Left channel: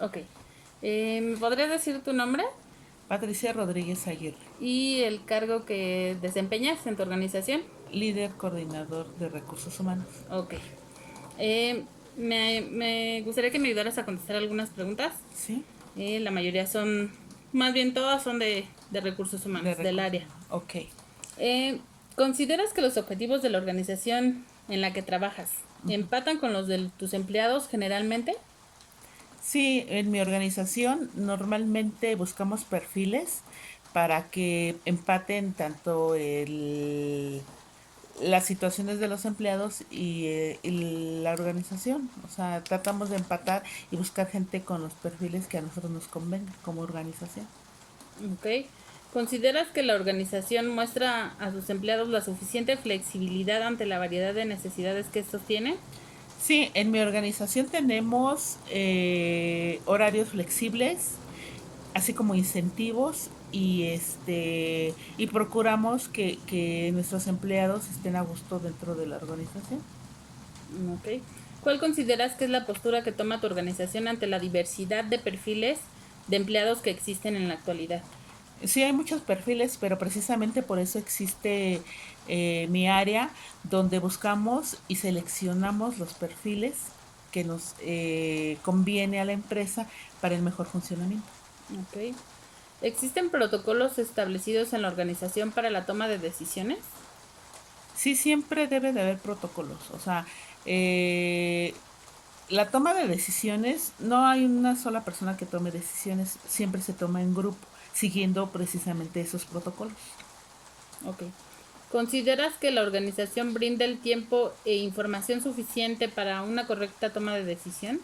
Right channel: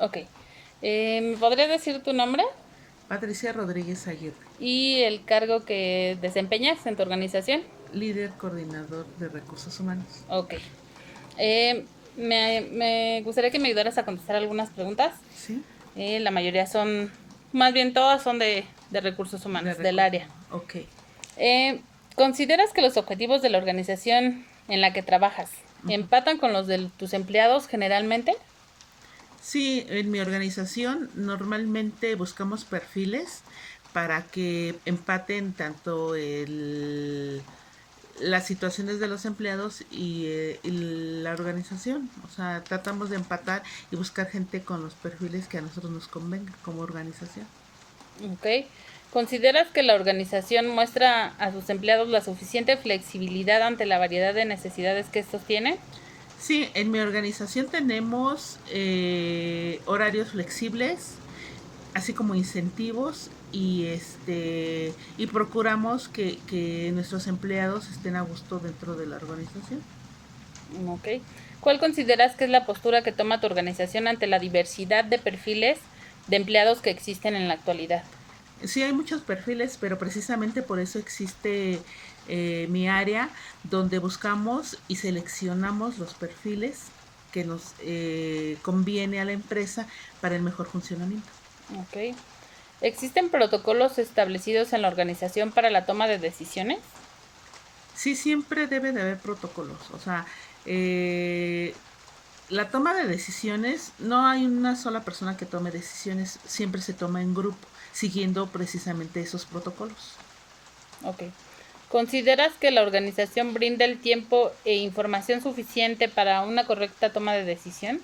Ok. ¿Me podrías decir tu nombre Patricia Rodríguez Aguirre, y el cargo que desempeñas en tu organización? líder coordinador de recursos humanos. Ok. Me gustaría que me ayudaras a contestar algunas preguntas. ¿Sí? La mayoría son, más bien todas son de recursos De humanos, del recursos área. humanos. Ok. Eh, ¿Consideras que los objetivos de la organización en la que trabajas empatan con los de tus empleados generalmente? Sí, en mi organización normalmente buscamos perfiles para que empaten tanto las situaciones de los empleados y la organización. O sea, tratamos de empatar y buscar gente con los perfiles que a nosotros nos convenga como organización. Ok. ¿Consideras que la organización muestra a sus empleados la suficiente flexibilidad ante la variedad de necesidades que estos tienen? Sí, en mi organización tenemos horarios flexibles, así como incentivos y procuramos que nuestros empleados estén a gusto dentro de la organización. Ok. ¿Cuál consideras que es la postura que toma tu organización ante la diversidad de perfiles de empleados que existen en la actualidad? Sí, hay muchos perfiles, pero precisamente por eso existe mi área donde buscamos y seleccionamos los perfiles que nos conviene a la empresa para el mejor funcionamiento. Ok. ¿Existen protocolos establecidos en la organización para la toma de decisiones? Sí, siempre debe de haber protocolos. O sea, eh, la toma de decisiones, no hay una sola persona que tome decisiones, siempre se toma en grupo, siguiendo precisamente esos protocolos. Ok. ¿Consideras que la organización brinda el tiempo e información suficiente para una correcta toma de decisión?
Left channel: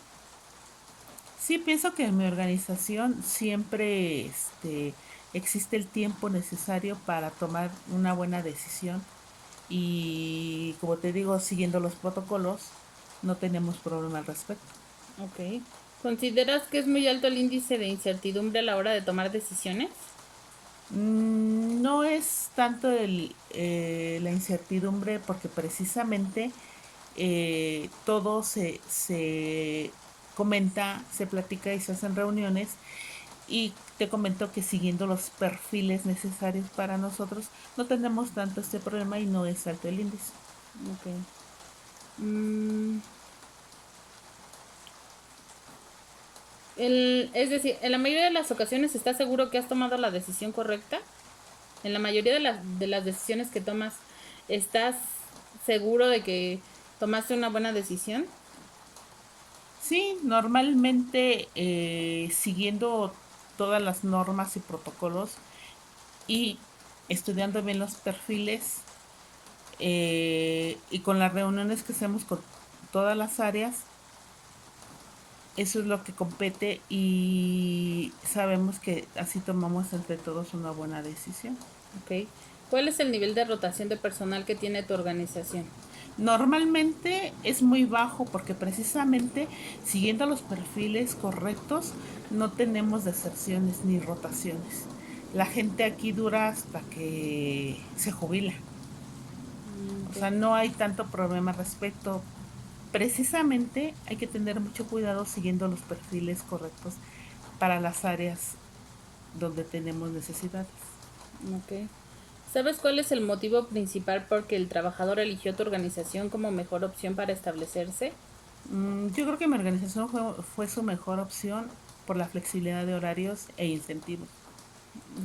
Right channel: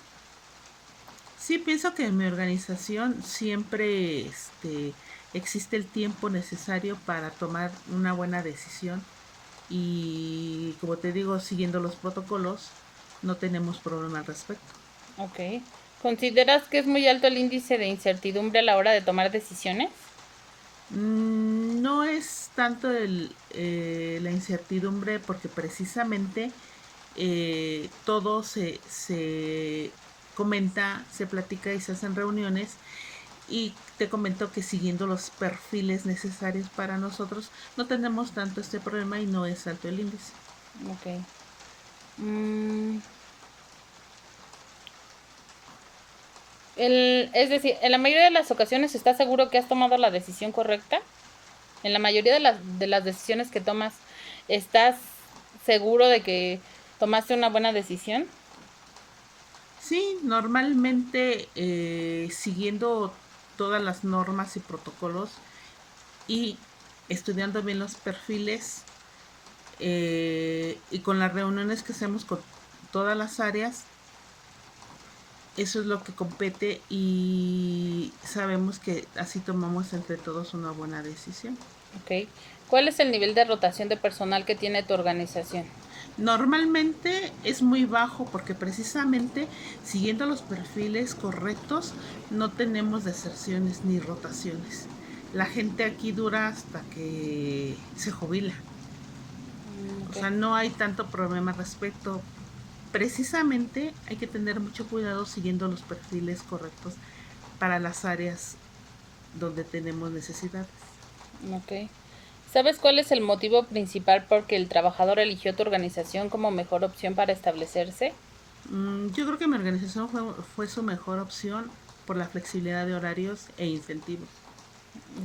Sí, pienso que en mi organización siempre existe el tiempo necesario para tomar una buena decisión y, como te digo, siguiendo los protocolos, no tenemos problema al respecto. Ok. ¿Consideras que es muy alto el índice de incertidumbre a la hora de tomar decisiones? No es tanto la incertidumbre porque precisamente todo se comenta, se platica y se hacen reuniones y te comento que siguiendo los perfiles necesarios para nosotros no tenemos tanto este problema y no es alto el índice. Ok. Mm, es decir, en la mayoría de las ocasiones estás seguro que has tomado la decisión correcta. En la mayoría de las decisiones que tomas, ¿estás seguro de que tomaste una buena decisión? Sí, normalmente siguiendo todas las normas y protocolos y estudiando bien los perfiles y con las reuniones que hacemos con todas las áreas, eso es lo que compete y sabemos que así tomamos entre todos una buena decisión. Ok. ¿Cuál es el nivel de rotación de personal que tiene tu organización? Normalmente es muy bajo porque precisamente siguiendo los perfiles correctos no tenemos deserciones ni rotaciones. La gente aquí dura hasta que se jubila. O Ok. sea, no hay tanto problema al respecto. Precisamente hay que tener mucho cuidado siguiendo los perfiles correctos para las áreas donde tenemos necesidades. Ok. ¿Sabes cuál es el motivo principal por que el trabajador eligió tu organización como mejor opción para establecerse? Yo creo que mi organización fue su mejor opción por la flexibilidad de horarios e incentivos.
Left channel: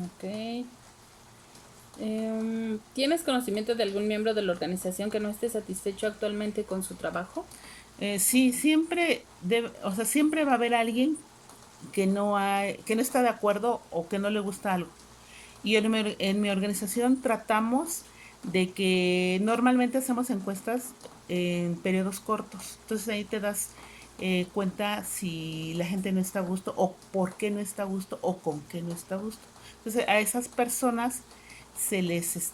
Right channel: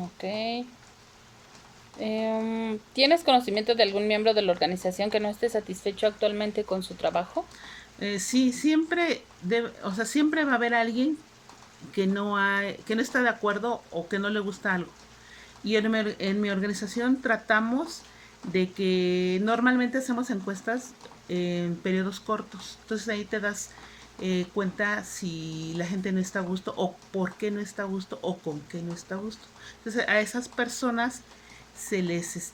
Ok. ¿Tienes conocimiento de algún miembro de la organización que no esté satisfecho actualmente con su trabajo? Sí, o sea, siempre va a haber alguien que no está de acuerdo o que no le gusta algo. Y en mi organización tratamos de que normalmente hacemos encuestas en periodos cortos. Entonces ahí te das cuenta si la gente no está a gusto o por qué no está a gusto o con qué no está a gusto. Entonces a esas personas se les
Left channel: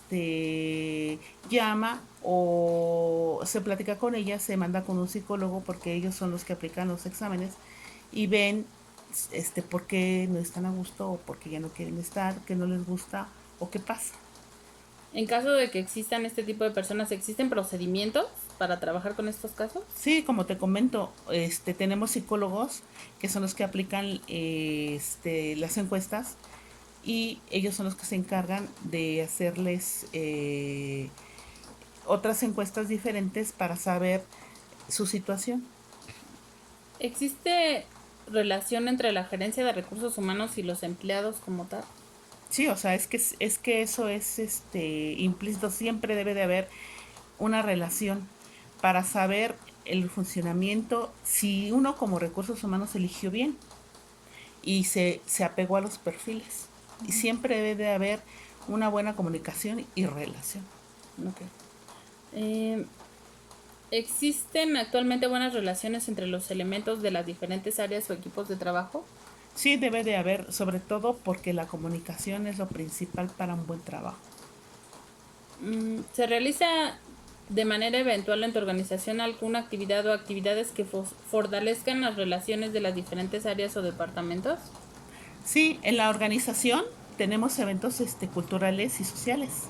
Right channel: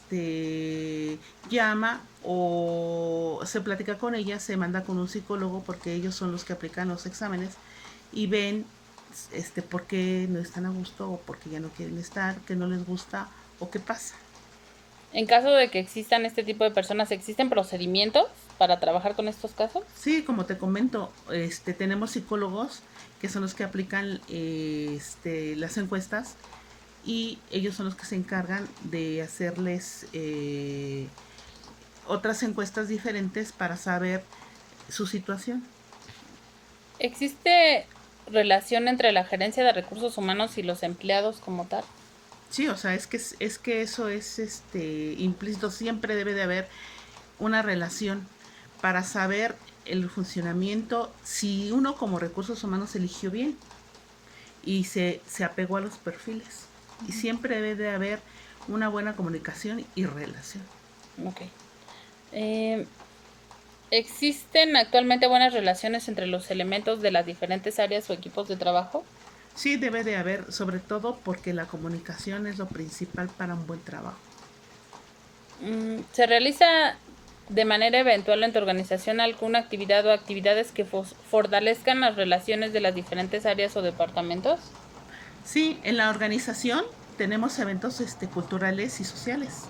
llama o se platica con ellas, se manda con un psicólogo porque ellos son los que aplican los exámenes y ven por qué no están a gusto o porque ya no quieren estar, que no les gusta o qué pasa. En caso de que existan este tipo de personas, ¿existen procedimientos para trabajar con estos casos? Sí, como te comento, tenemos psicólogos que son los que aplican las encuestas y ellos son los que se encargan de hacerles otras encuestas diferentes para saber su situación. ¿Existe relación entre la gerencia de recursos humanos y los empleados como tal? Sí, o sea, es que eso es implícito, siempre debe de haber una relación para saber el funcionamiento, si uno como recursos humanos eligió bien y se apegó a los perfiles. Y siempre debe de haber una buena comunicación y relación. Ok. Eh, ¿Existen actualmente buenas relaciones entre los elementos de las diferentes áreas o equipos de trabajo? Sí, debe de haber, sobre todo porque la comunicación es lo principal para un buen trabajo. ¿Se realiza de manera eventual en tu organización alguna actividad o actividades que fortalezcan las relaciones de las diferentes áreas o departamentos? Sí, en la organización tenemos eventos culturales y sociales.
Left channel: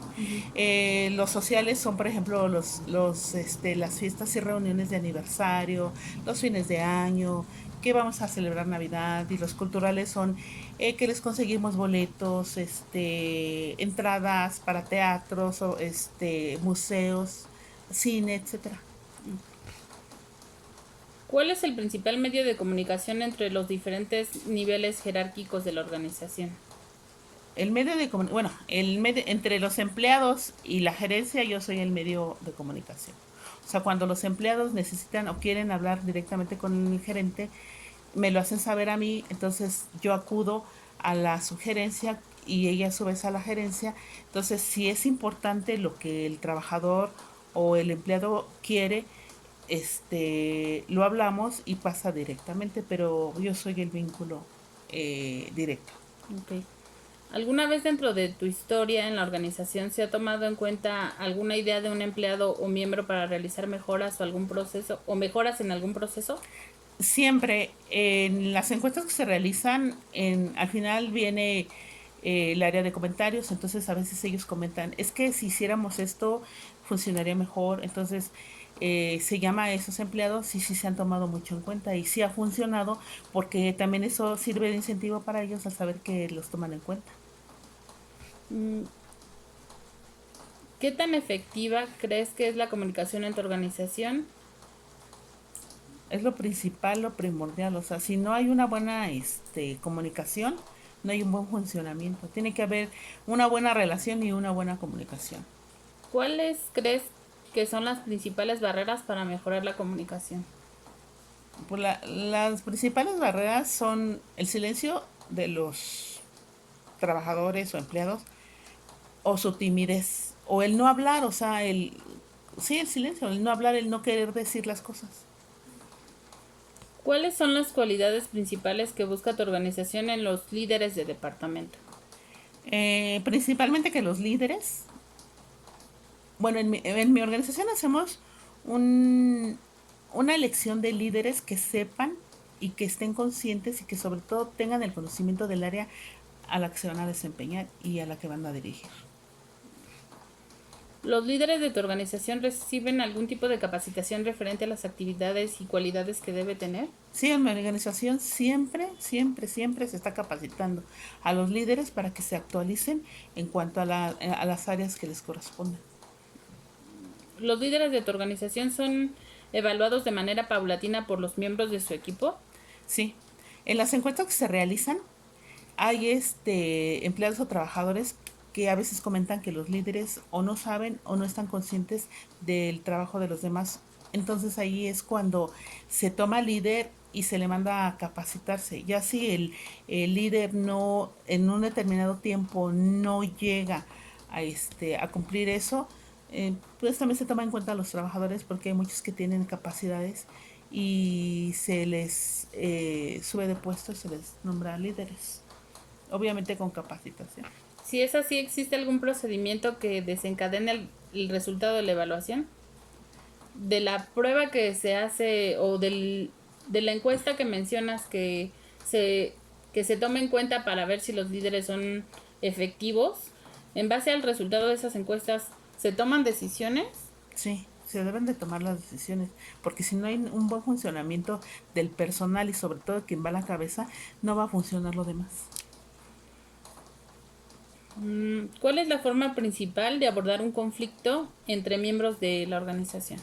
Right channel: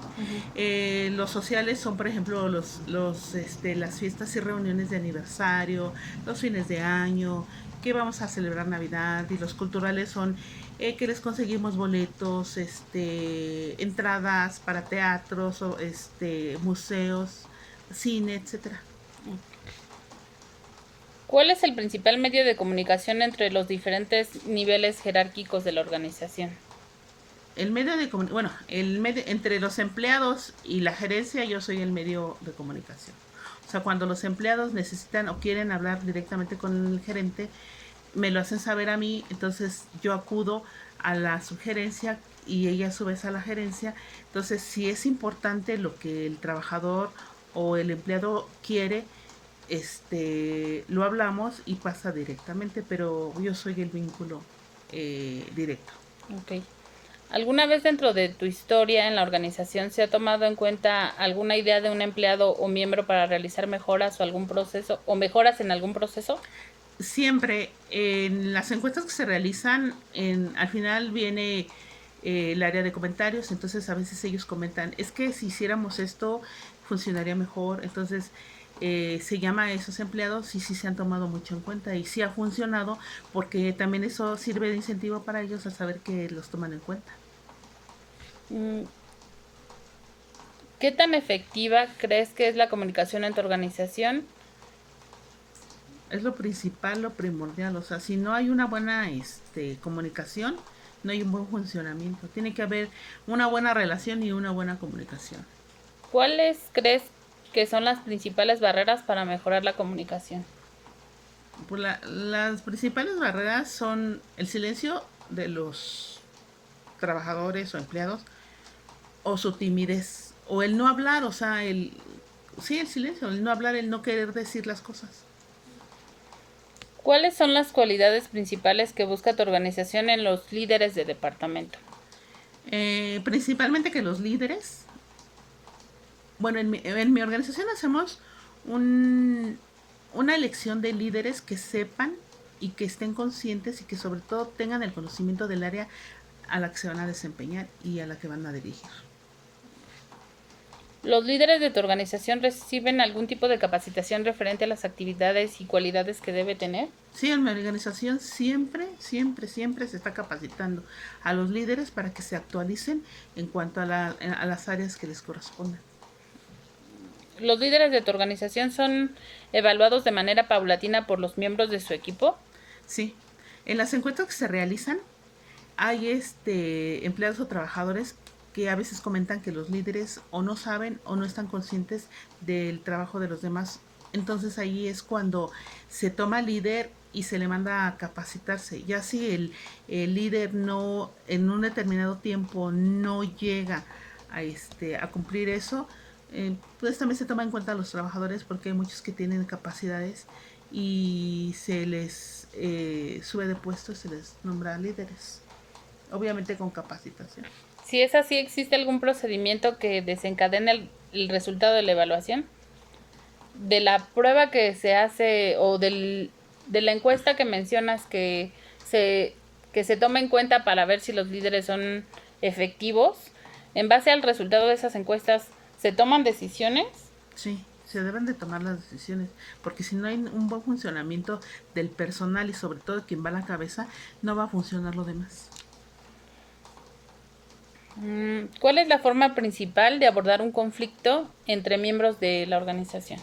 Los sociales son, por ejemplo, las fiestas y reuniones de aniversario, los fines de año, que vamos a celebrar Navidad, y los culturales son que les conseguimos boletos, entradas para teatros, o, museos, cine, etcétera. ¿Cuál es el principal medio de comunicación entre los diferentes niveles jerárquicos de la organización? El medio de bueno, el medio entre los empleados y la gerencia, yo soy el medio de comunicación. O sea, cuando los empleados necesitan o quieren hablar directamente con el gerente, me lo hacen saber a mí, entonces yo acudo a la sugerencia y ella a su vez a la gerencia. Entonces, si es importante lo que el trabajador o el empleado quiere, lo hablamos y pasa directamente, pero yo soy el vínculo directo. Ok. ¿Alguna vez dentro de tu historia en la organización se ha tomado en cuenta alguna idea de un empleado o miembro para realizar mejoras o algún proceso o mejoras en algún proceso? Siempre en las encuestas que se realizan, al final viene el área de comentarios, entonces a veces ellos comentan, es que si hiciéramos esto funcionaría mejor, entonces se llama a esos empleados y sí se han tomado mucho en cuenta y sí ha funcionado porque también eso sirve de incentivo para ellos al saber que los toman en cuenta. Mm, ¿Qué tan efectiva crees que es la comunicación en tu organización? Es lo principal, lo primordial, o sea, si no hay una buena comunicación, no hay un buen funcionamiento. Tiene que haber una buena relación y una buena comunicación. ¿Cuáles crees que son las principales barreras para mejorar la comunicación? Pues las principales barreras son el silencio de los trabajadores o empleados o su timidez o el no hablar, o sea, sí, el silencio, el no hablar, el no querer decir las cosas. ¿Cuáles son las cualidades principales que busca tu organización en los líderes de departamento? Principalmente que los líderes, bueno, en mi organización hacemos un, una elección de líderes que sepan y que estén conscientes y que sobre todo tengan el conocimiento del área a la que se van a desempeñar y a la que van a dirigir. ¿Los líderes de tu organización reciben algún tipo de capacitación referente a las actividades y cualidades que debe tener? Sí, en mi organización siempre se está capacitando a los líderes para que se actualicen en cuanto a las áreas que les correspondan. ¿Los líderes de tu organización son evaluados de manera paulatina por los miembros de su equipo? Sí, en las encuestas que se realizan hay empleados o trabajadores que a veces comentan que los líderes o no saben o no están conscientes del trabajo de los demás. Entonces ahí es cuando se toma líder y se le manda a capacitarse. Ya si el líder no en un determinado tiempo no llega a cumplir eso, pues también se toma en cuenta a los trabajadores porque hay muchos que tienen capacidades y se les sube de puesto, se les nombra líderes, obviamente con capacitación. Si es así, ¿existe algún procedimiento que desencadene el resultado de la evaluación? De la prueba que se hace o de la encuesta que mencionas se, que se toma en cuenta para ver si los líderes son efectivos, En base al resultado de esas encuestas, ¿se toman decisiones? Sí, se deben de tomar las decisiones, porque si no hay un buen funcionamiento del personal y sobre todo quien va a la cabeza, no va a funcionar lo demás. ¿Cuál es la forma principal de abordar un conflicto entre miembros de la organización?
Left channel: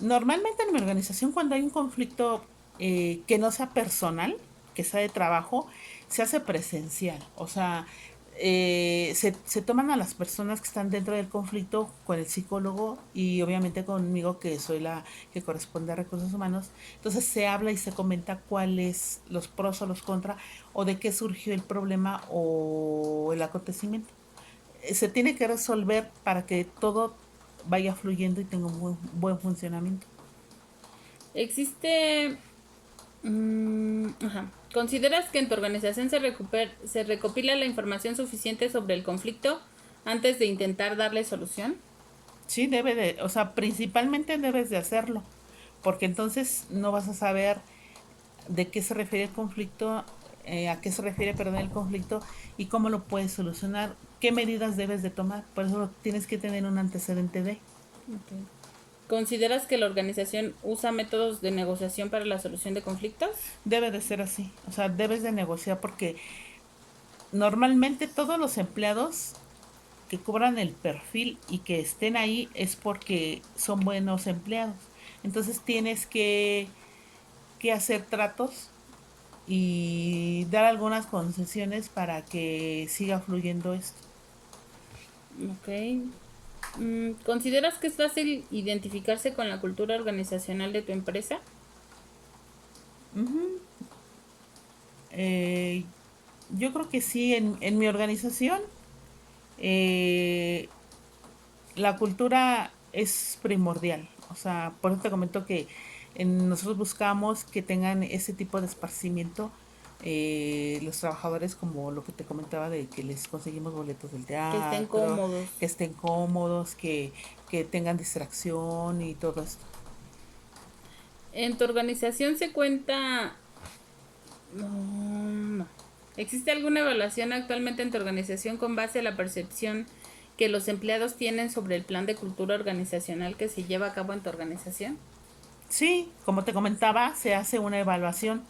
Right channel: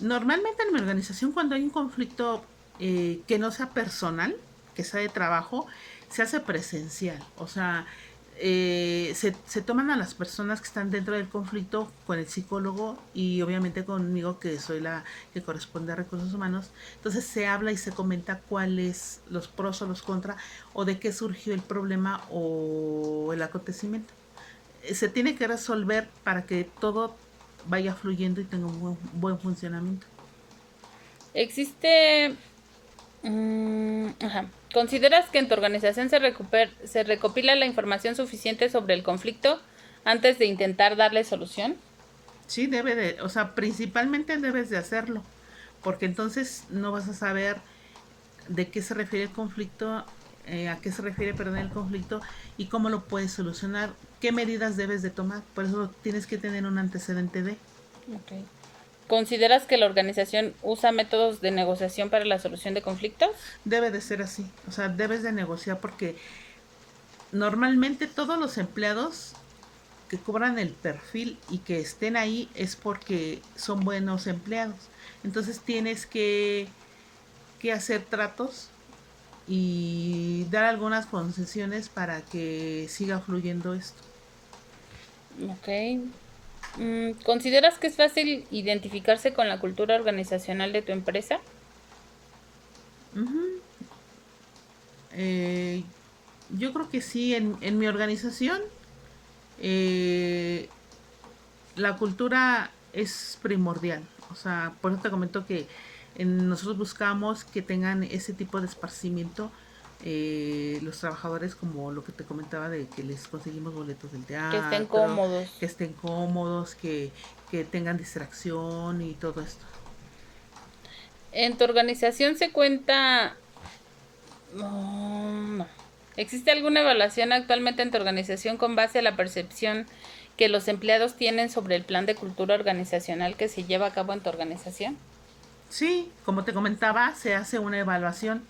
Normalmente en mi organización cuando hay un conflicto que no sea personal, que sea de trabajo, se hace presencial. O sea, se toman a las personas que están dentro del conflicto con el psicólogo y obviamente conmigo que soy la que corresponde a recursos humanos. Entonces se habla y se comenta cuáles los pros o los contras o de qué surgió el problema o el acontecimiento. Se tiene que resolver para que todo vaya fluyendo y tenga un buen funcionamiento. Existe... ajá. ¿Consideras que en tu organización se recopila la información suficiente sobre el conflicto antes de intentar darle solución? Sí, o sea, principalmente debes de hacerlo, porque entonces no vas a saber de qué se refiere el conflicto, a qué se refiere, perdón, el conflicto y cómo lo puedes solucionar, qué medidas debes de tomar. Por eso tienes que tener un antecedente de. Okay. ¿Consideras que la organización usa métodos de negociación para la solución de conflictos? Debe de ser así, o sea, debes de negociar porque normalmente todos los empleados que cobran el perfil y que estén ahí es porque son buenos empleados. Entonces tienes que hacer tratos y dar algunas concesiones para que siga fluyendo esto. Ok. ¿Consideras que es fácil identificarse con la cultura organizacional de tu empresa? Uh-huh. Eh, yo creo que sí, en mi organización eh, la cultura es primordial. O sea, por eso te comento que nosotros buscamos que tengan ese tipo de esparcimiento los trabajadores, como lo que te comentaba de que les conseguimos boletos del Que estén teatro, cómodos. que estén cómodos, que tengan distracción y todo esto. ¿En tu organización se cuenta... no. ¿Existe alguna evaluación actualmente en tu organización con base a la percepción que los empleados tienen sobre el plan de cultura organizacional que se lleva a cabo en tu organización? Sí, como te comentaba, se hace una evaluación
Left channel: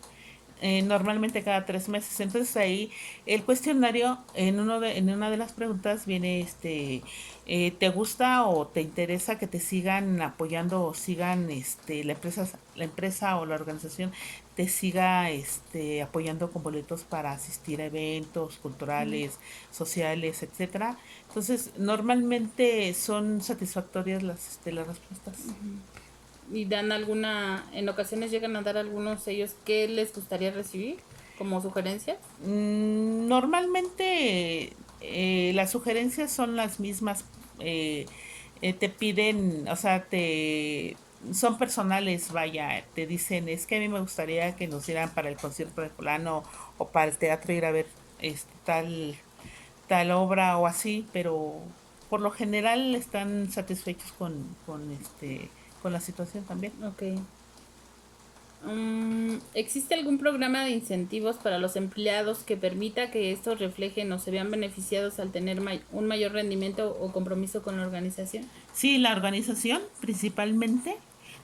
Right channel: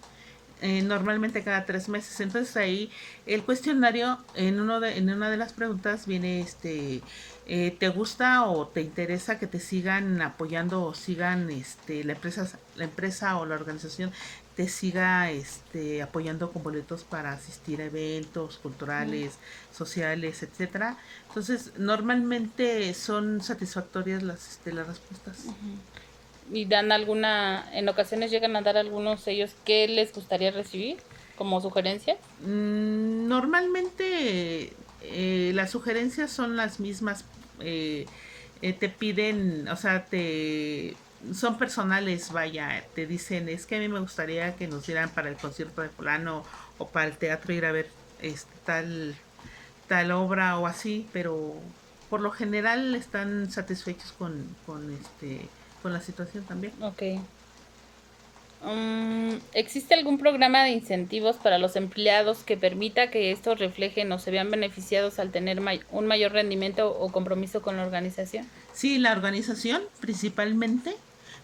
normalmente cada 3 meses. Entonces ahí el cuestionario en una de las preguntas viene ¿te gusta o te interesa que te sigan apoyando o sigan la empresa o la organización te siga apoyando con boletos para asistir a eventos Mm. culturales, sociales, etcétera? Entonces normalmente son satisfactorias las respuestas. Y dan alguna, en ocasiones llegan a dar algunos sellos que les gustaría recibir como sugerencias. Normalmente las sugerencias son las mismas. Te piden, o sea, son personales, vaya, te dicen, es que a mí me gustaría que nos dieran para el concierto de fulano o para el teatro ir a ver tal obra o así, pero por lo general están satisfechos con la situación también. Ok. ¿Existe algún programa de incentivos para los empleados que permita que estos reflejen o se vean beneficiados al tener un mayor rendimiento o compromiso con la organización? Sí, la organización principalmente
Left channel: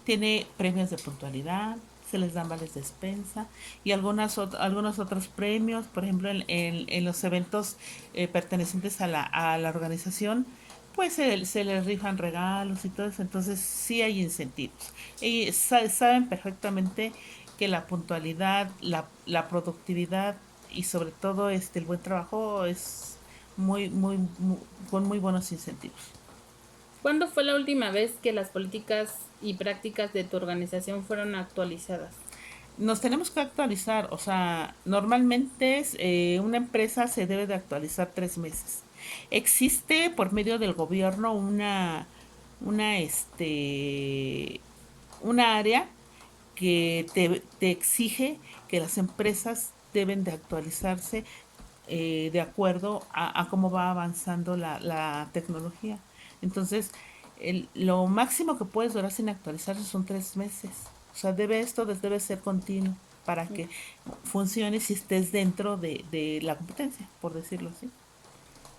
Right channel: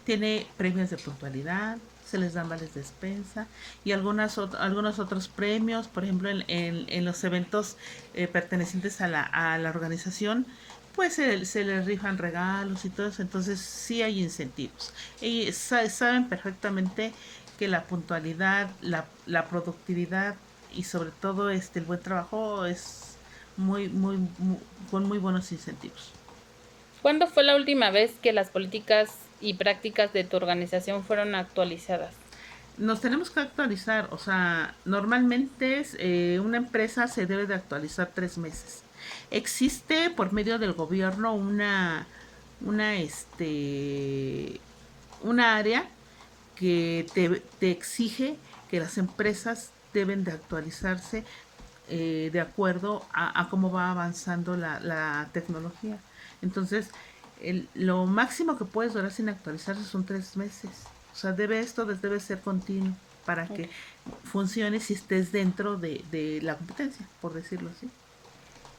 tiene premios de puntualidad, se les dan vales de despensa y algunos otros premios, por ejemplo, en los eventos pertenecientes a la organización, pues se les rifan regalos y todo eso, entonces sí hay incentivos. Y saben perfectamente que la puntualidad, la productividad y sobre todo el buen trabajo es con muy buenos incentivos. ¿Cuándo fue la última vez que las políticas y prácticas de tu organización fueron actualizadas? Nos tenemos que actualizar, o sea, normalmente una empresa se debe de actualizar 3 meses. Existe por medio del gobierno una, una área que te exige que las empresas deben de actualizarse de acuerdo a cómo va avanzando la tecnología. Entonces, lo máximo que puedes durar sin actualizarse son 3 meses. O sea, esto debe ser continuo para que funcione si estés dentro de la competencia, por decirlo así.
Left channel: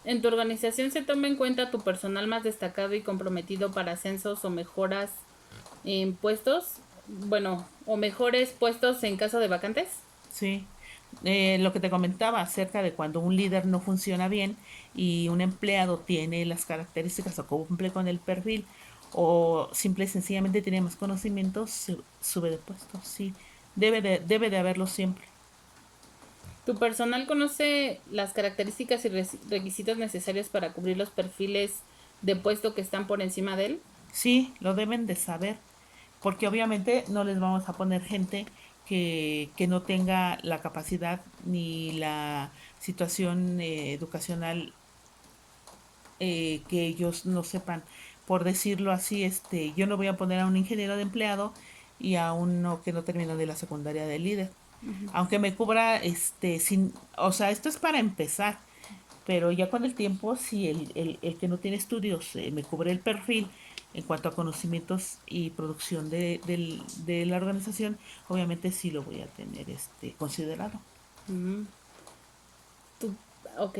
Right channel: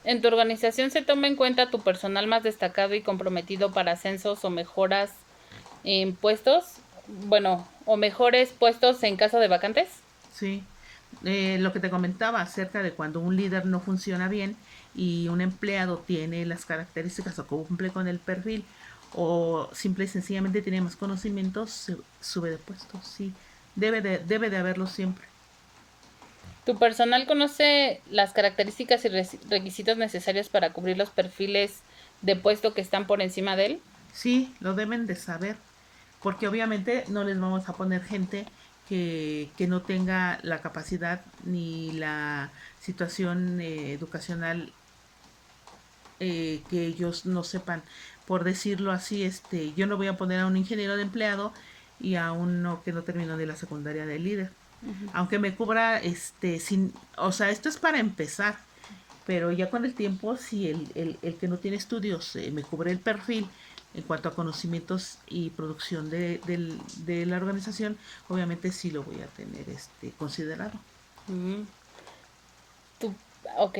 ¿En tu organización se toma en cuenta tu personal más destacado y comprometido para ascensos o mejoras en puestos? Bueno, o mejores puestos en caso de vacantes. Sí, lo que te comentaba acerca de cuando un líder no funciona bien y un empleado tiene las características o cumple con el perfil o simple y sencillamente tiene más conocimientos, se sube de puesto. Sí, debe de haberlo siempre. ¿Tu personal conoce las características y requisitos necesarios para cubrir los perfiles de puesto que están por encima de él? Sí, lo deben de saber, porque obviamente no les vamos a poner gente que no tenga la capacidad ni la situación educacional que ellos no sepan. Por decirlo así, yo no voy a poner a un ingeniero de empleado y a uno que no terminó de la secundaria de líder. Aunque me cubra, o sea, esto es para empezar, pero ya con el tiempo, si el que no tiene estudios me cubre el perfil en cuanto a conocimientos y producción de la organización, obviamente sí lo voy a tener considerado. Mm, ok.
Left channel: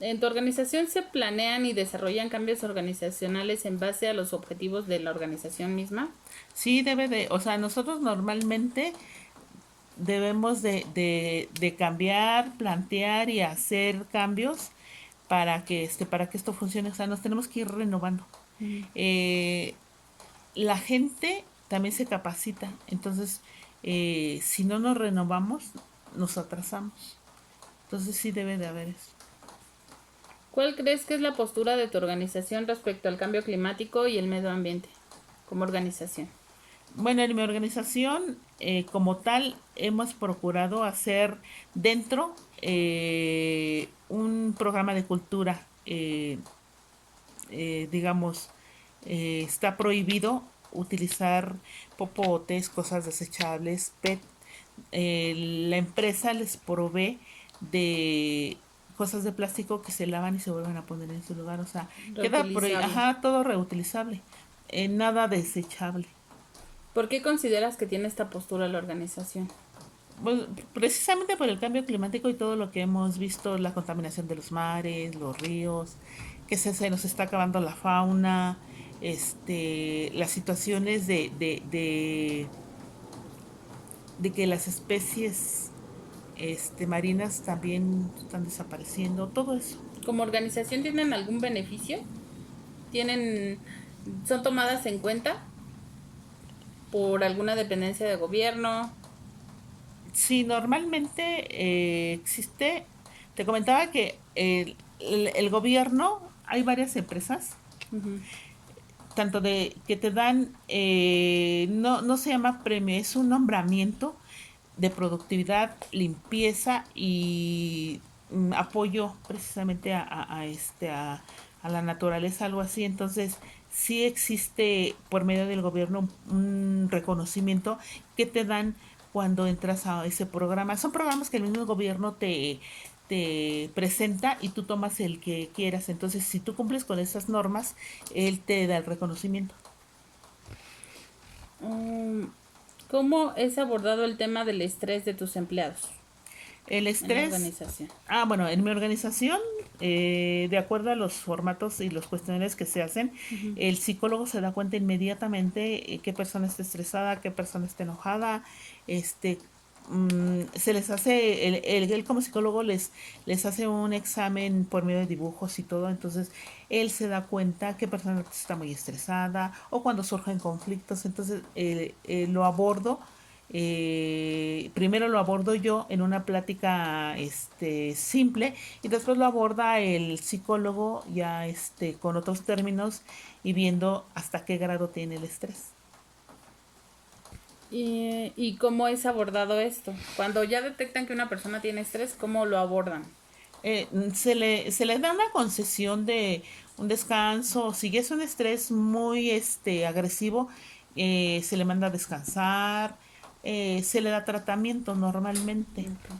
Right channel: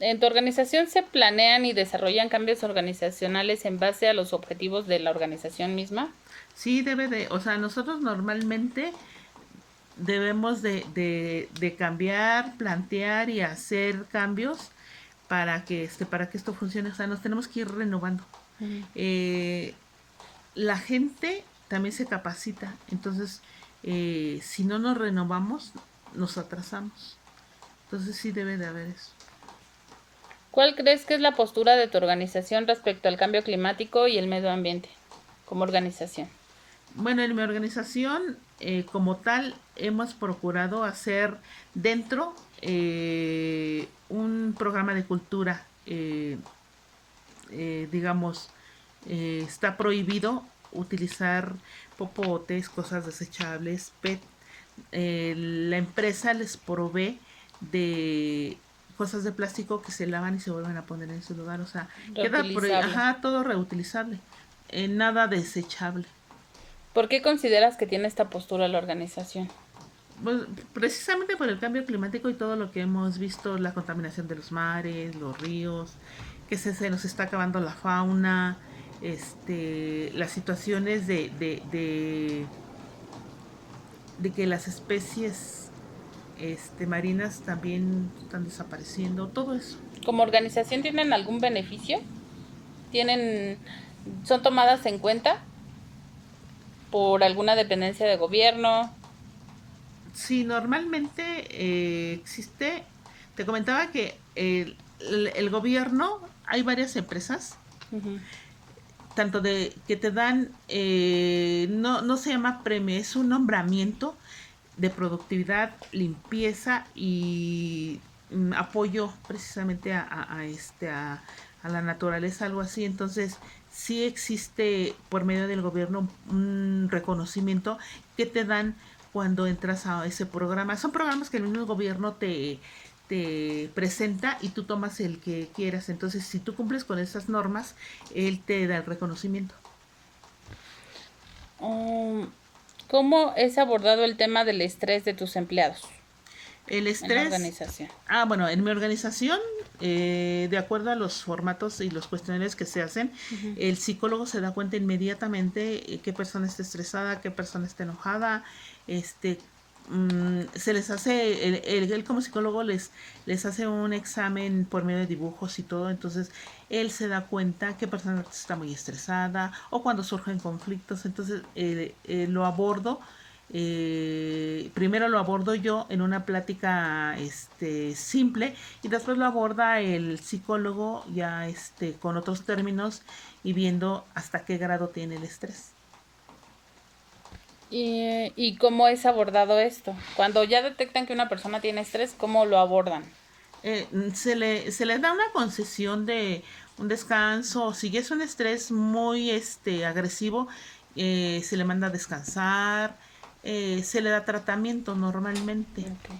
¿En tu organización se planean y desarrollan cambios organizacionales en base a los objetivos de la organización misma? Sí, o sea, nosotros normalmente debemos de cambiar, plantear y hacer cambios para que esto funcione. O sea, nos tenemos que ir renovando. Ujú. Eh, la gente también se capacita. Entonces, si no nos renovamos, nos atrasamos. Entonces sí debe de haber eso. ¿Cuál crees que es la postura de tu organización respecto al cambio climático y el medio ambiente como organización? Bueno, en mi organización, como tal, hemos procurado hacer dentro un programa de cultura. Digamos, está prohibido utilizar popotes, cosas desechables, PET. La empresa les provee de cosas de plástico que se lavan y se vuelven a poner en su lugar. O sea, Reutilizable. ajá, todo reutilizable. Nada desechable. ¿Por qué consideras que tiene esta postura la organización? Pues, precisamente por el cambio climático y todo lo que hemos visto, la contaminación de los mares, los ríos, que se nos está acabando la fauna, las situaciones de que las especies marinas también están desapareciendo, todo eso. ¿Como organización tienen algún beneficio? ¿Tienen, son tomadas en cuenta por alguna dependencia de gobierno? Sí, normalmente existe, te comentaba que el gobierno, hay varias empresas Ujú. tanto de que te dan, no se llama premio, es un nombramiento de productividad, limpieza y apoyo precisamente a la naturaleza, algo así. Entonces, sí existe por medio del gobierno un reconocimiento que te dan cuando entras a ese programa. Son programas que el mismo gobierno te presenta y tú tomas el que quieras. Entonces, si tú cumples con esas normas, él te da el reconocimiento. Um, ¿Cómo es abordado el tema del estrés de tus empleados El en la estrés, organización? bueno, en mi organización, de acuerdo a los formatos y los cuestionarios que se hacen, Ujú. el psicólogo se da cuenta inmediatamente qué persona está estresada, qué persona está enojada, se les hace, él como psicólogo les hace un examen por medio de dibujos y todo, entonces él se da cuenta qué persona está muy estresada o cuando surgen conflictos, entonces lo abordo. Primero lo abordo yo en una plática simple y después lo aborda el psicólogo ya con otros términos y viendo hasta qué grado tiene el estrés. ¿Y cómo es abordado esto? Cuando ya detectan que una persona tiene estrés, ¿cómo lo abordan? Se le da una concesión de un descanso. Si es un estrés muy agresivo, se le manda a descansar, se le da tratamiento normalmente. Ok.